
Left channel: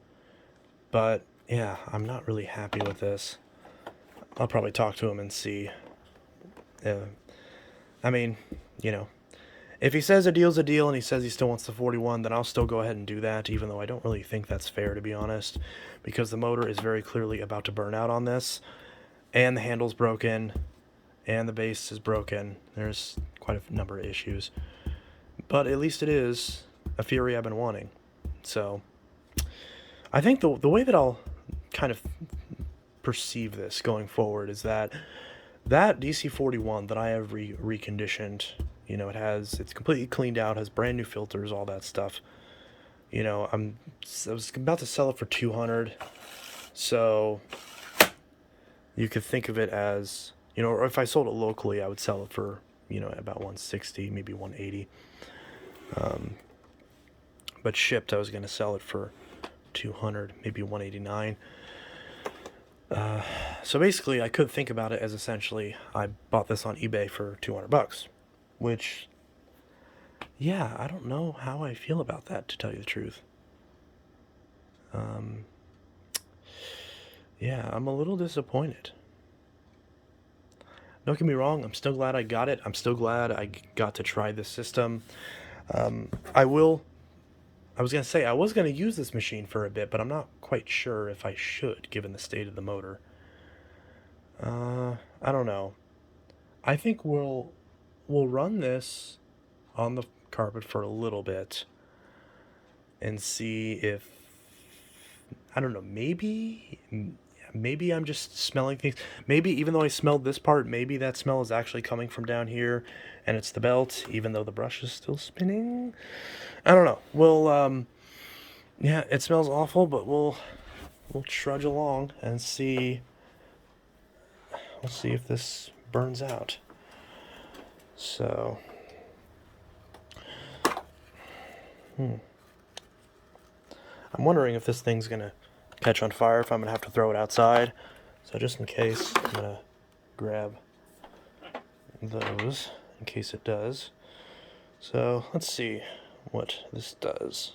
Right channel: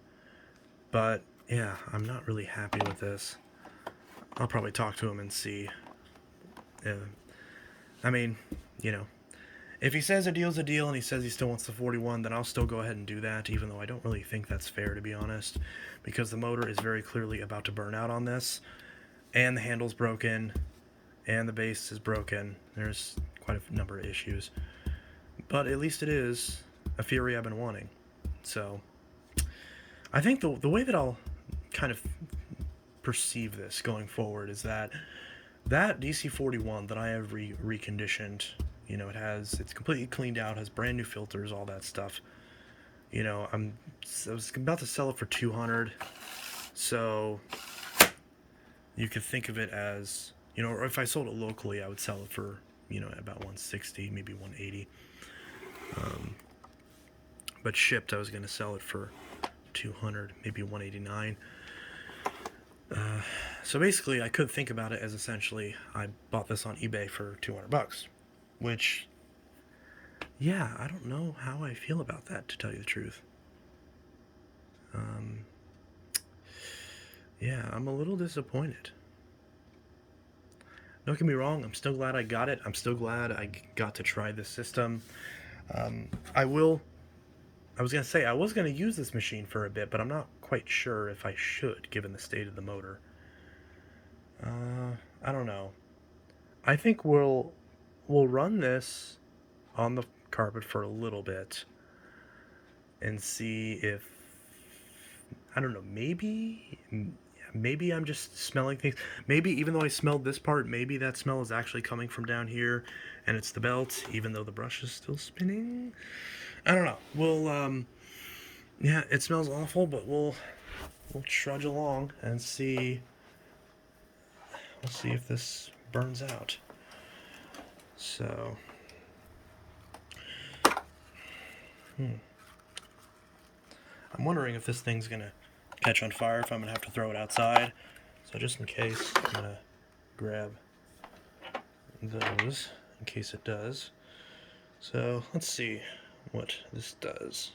But, yeah, I'm not really happy with this. I'll probably talk to him and see. I mean, you know, if he says a deal's a deal and he says he still wants the 41, then I'll still go ahead and do that, even though I don't really think that's fair, to be honest. Because the motor is very clearly about to burn out on this. And the handle's broken. And the base is broken. There's quite a number of issues. But at least it is a Fury I've been wanting. So, I think the way that I'll kind of perceive this going forward is that DC-41 that I have reconditioned, you know, it's completely cleaned out, has brand new filters, all that stuff. You know, I was about to sell it for $200. So, you could think of it as... You know, or if I sold it locally, I would sell it for, you know, about $160, maybe $180. But shipped, I was going to sell it for $200, maybe $189. So basically, I could think about it as essentially, I bought this on eBay for $200, which, yeah, I don't know how I feel about that, to tell you the truth. Yeah, I'm a little disappointed. Don't get me wrong, I'm still glad I got it. I'm still glad I got to try this system. I was going to say, I was going to use this machine for a bit, but I'm not quite sure if I should, given the state of the motor. I don't know. I think we'll run this on the carpet for a little bit and see if, I don't know, maybe I'm just smelling things. Maybe even though I smelled this part, maybe that smell is actually coming from down here and it's the belt, even though the brush is still spinning. I don't know. We'll, yeah, it smells awful, but we'll trudge along and see. We'll see if this burns out. So, I'm wondering if this thing's gonna catch on fire, if I'm gonna have to throw it outside. So just in case, I'm gonna grab those in case it does. So let's see what this does.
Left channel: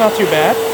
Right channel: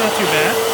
not too bad.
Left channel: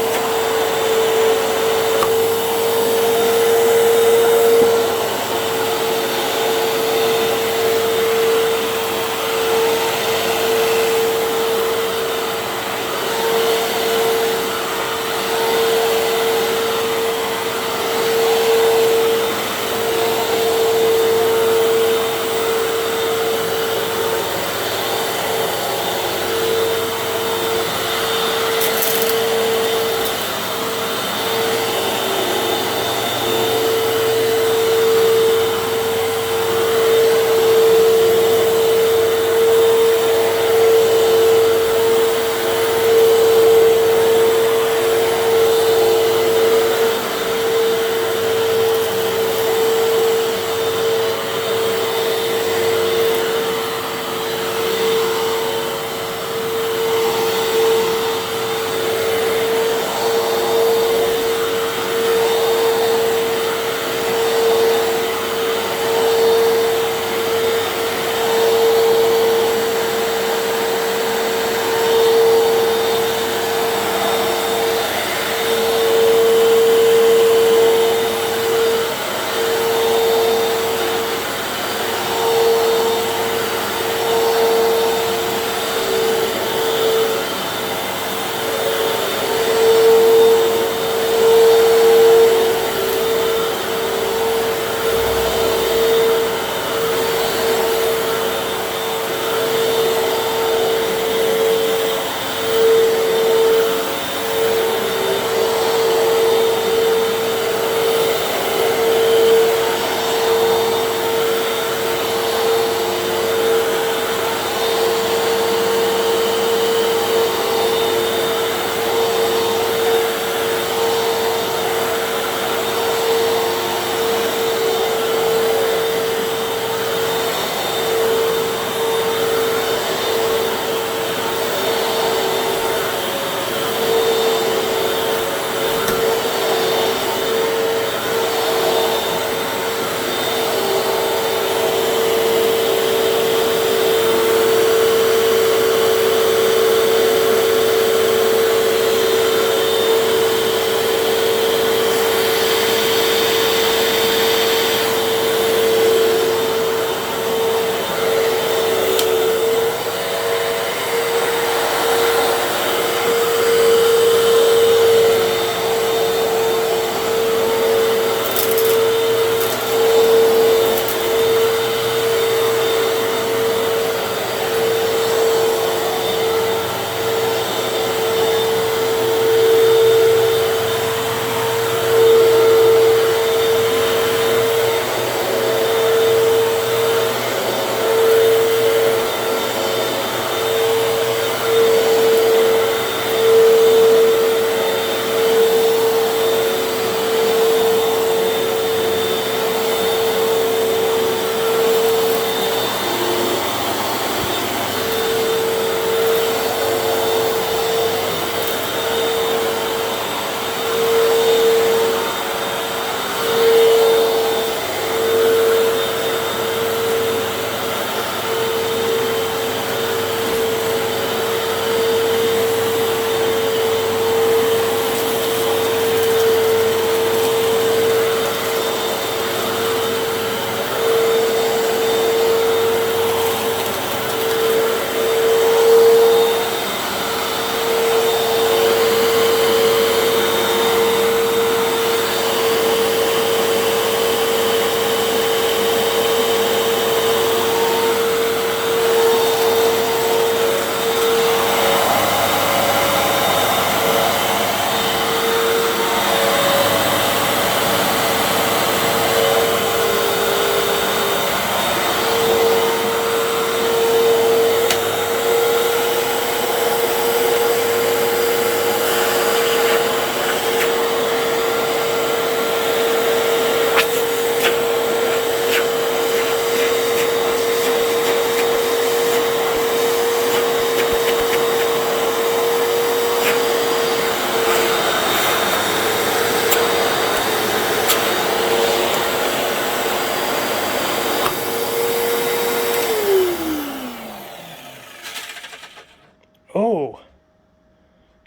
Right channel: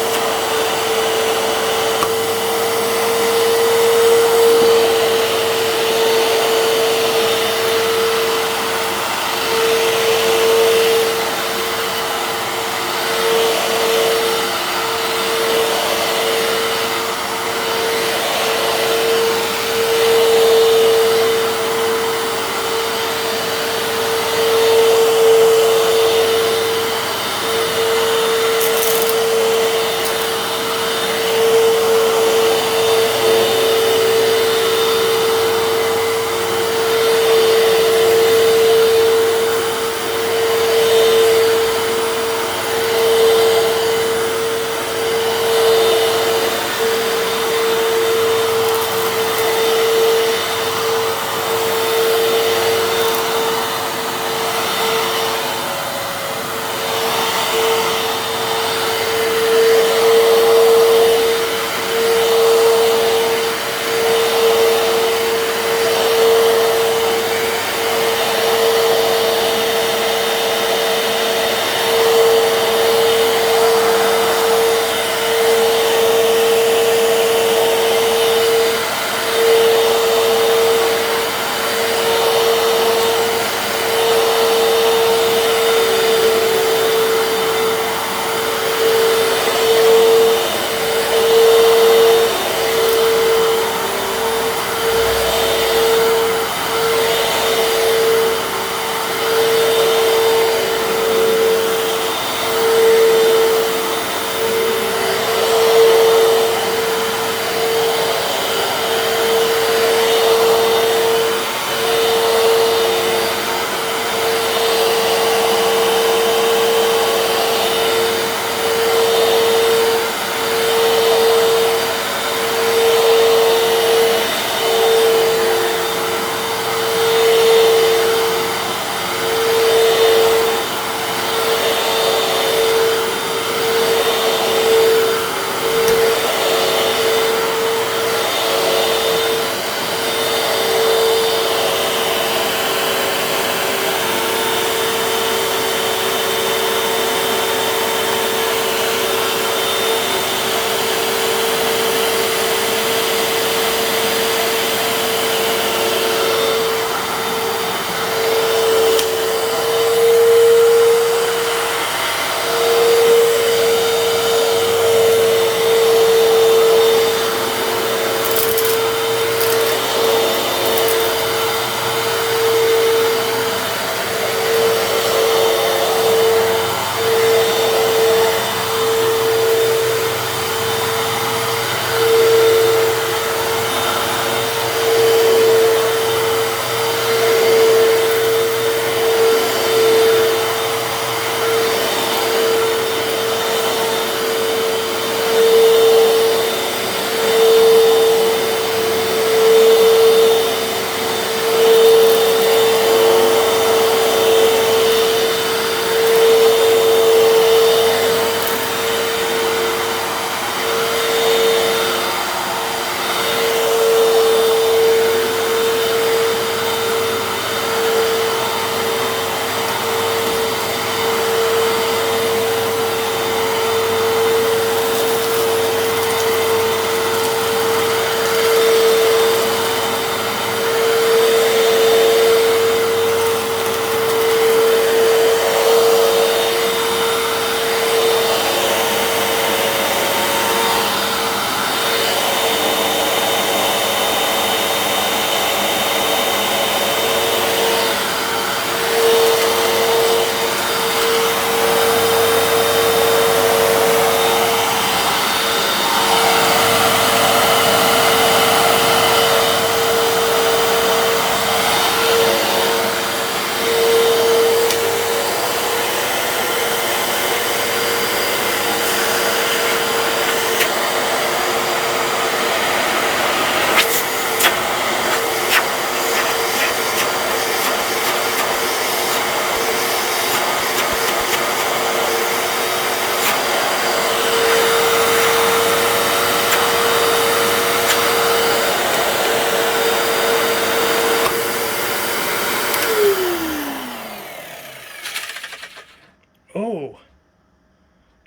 Oh,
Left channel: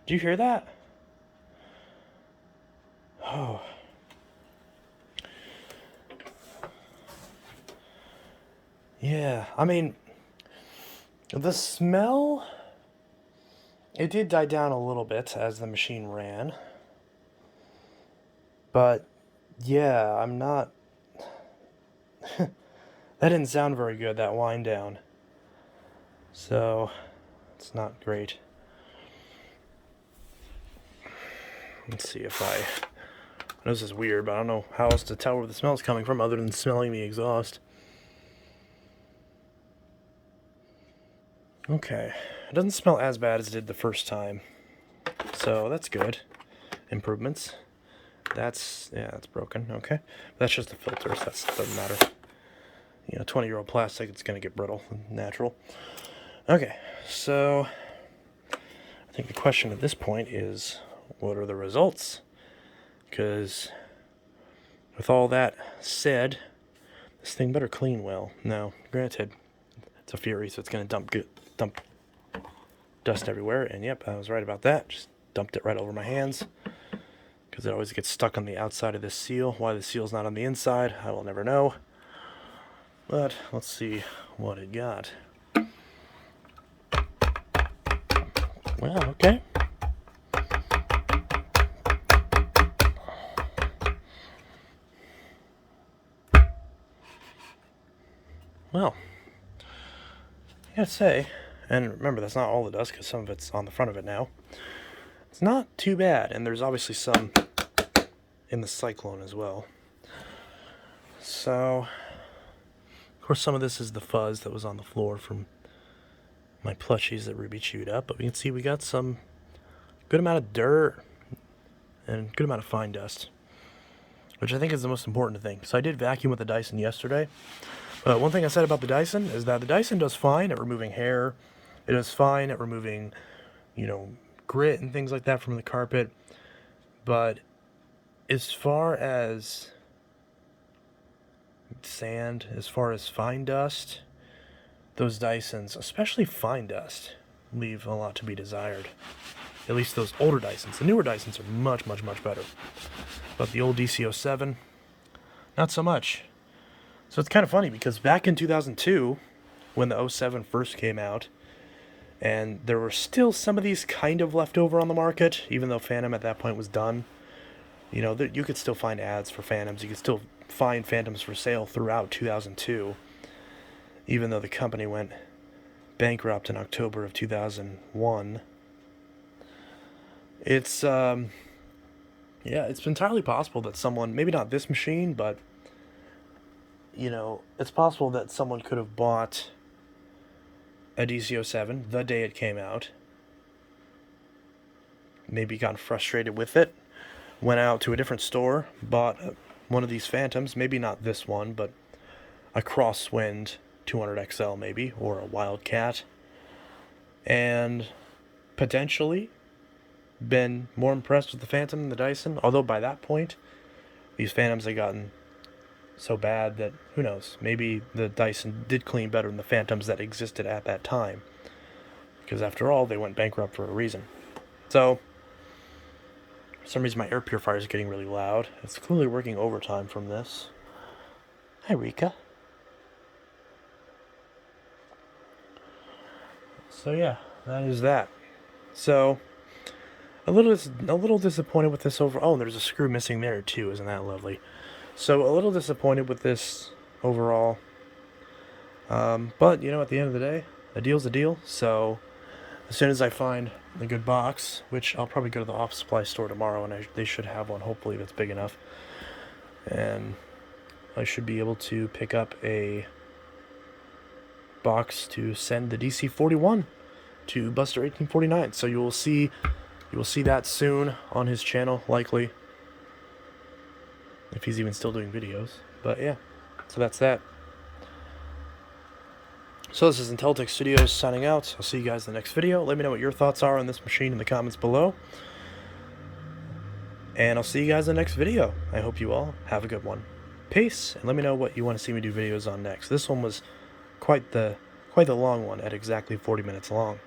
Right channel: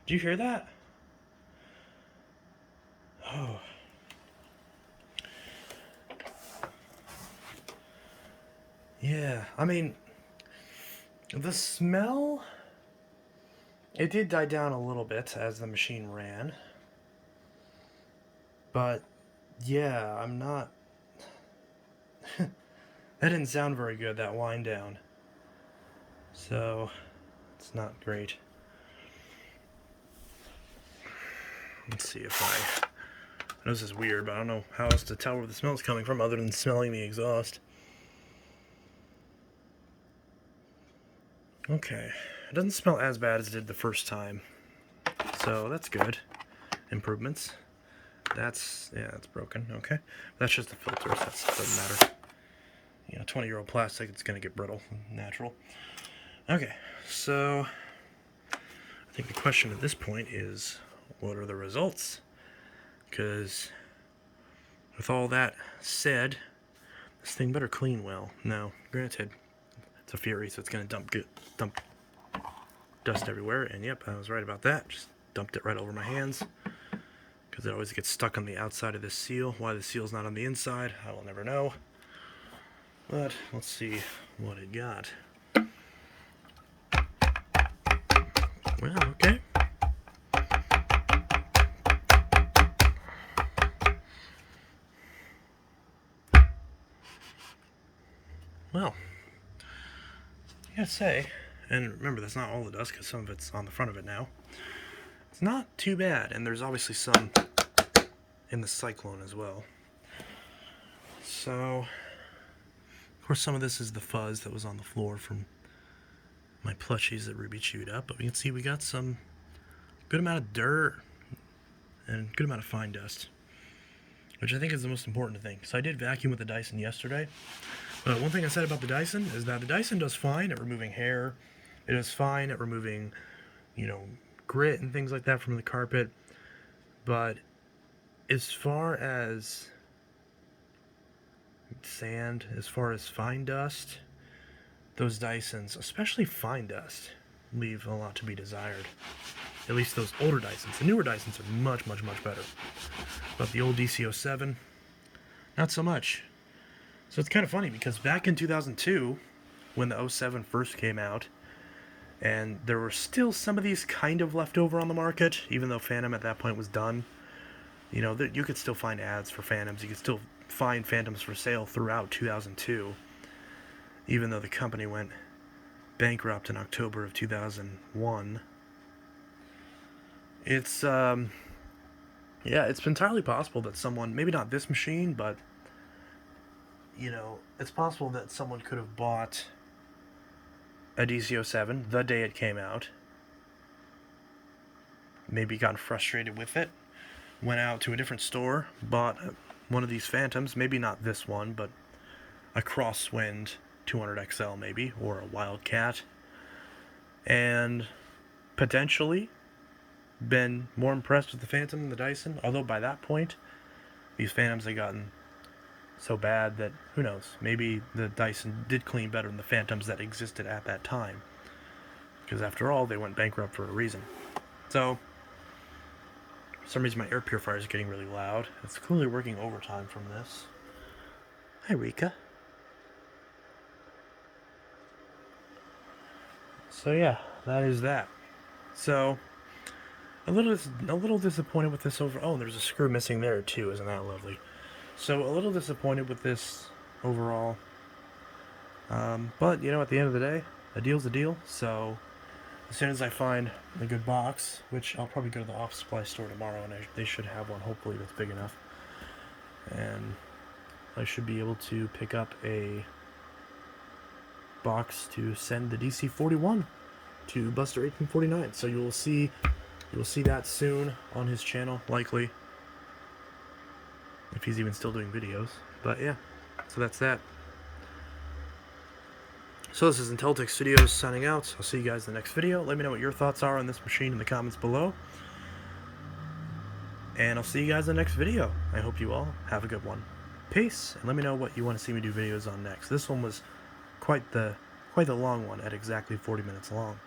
do you hear that? Yeah, I mean, the smell, it did die down a little bit as the machine ran. But, yeah, I'm not... That didn't sound very good, that wind down. So, it's not great. Let's see if I know this is weird, but I don't know how else to tell where the smell's coming from other than smelling the exhaust. Okay. It doesn't smell as bad as it did the first time. So, that's good. Improvements. That's broken. Okay. That's just the filters. That doesn't matter. 20-year-old plastic, it's going to get brittle and natural. Okay. So, I think the question at this point is, what are the results? Because with all that said, this thing better clean well. Now, granted, it's a Fury, so it's going to dump dust everywhere. And yep, I was right about that. Just dumped it right over my hands. Because it always gets stuck on the outside of this seal. Why the seal's not on the inside, I will never know. But let's see what it got. Well, okay. Well, I gotta say, and remember that's not all the dust because some of it's on the front of it now. It's not too bad, and there's obviously some in the Cyclone as well. So, of course some of this is the fuzz that was on the floor from my plushies that Ruby chewed up, but we can see we got some good amount of dirt and good amount of fine dust, which I think is the most important thing. So I did vacuum with the Dyson yesterday. One thing I said about the Dyson is that the Dyson does fine at removing hair. It does fine at removing, grit and things like that from the carpet. But as far as sand, as far as fine dust, those Dysons, especially fine dust, leave a lot to be desired. At least those older Dysons. The newer Dysons are much, much, much better. But the old DC07, not so much. So it's kind of funny because back in 2002, when the 07 first came out, and there were still some of these kind of left over on the market, even though Fantom at that point was done. You could still find ads for Fantoms. You could still find Fantoms for sale throughout 2002, even though the company went bankrupt in October of 2001. It's it's entirely possible that someone, maybe not this machine, but it's possible that someone could have bought a DC07 the day it came out, maybe gotten frustrated with it, went out to a different store, bought one of these Fantoms, maybe not this one, but a Crosswind 200XL maybe, or a Wildcat, and potentially been more impressed with the Fantom than the Dyson, although by that point, these Fantoms had gotten so bad that, who knows, maybe the Dyson did clean better than the Fantoms that existed at that time, because after all, they went bankrupt for a reason. So, for some reason my air purifier is getting really loud. It's clearly working overtime from this. Hi, Rika. So yeah, that is that. So, a little disappointed with this over. Oh, there's a screw missing there too. Isn't that lovely? So a little disappointed with this overall. But at the end of the day, a deal's a deal. So as soon as I find a good box, which I'll probably go to the office supply store tomorrow, and they should have one hopefully that's big enough, and I should be able to pick up a box to send the DC41 to Buster 1849. So you will see that soon on his channel, likely, if he's even still doing videos. But yeah, so that's that. So this is Intellitech Studios signing out. I'll see you guys in the next video. Let me know what your thoughts are on this machine in the comments below. And I'll see you guys in the next video. I hope you all have a good one. Peace, and let me know what you want to see me do videos on next. This one was quite the long one at exactly 40 minutes long.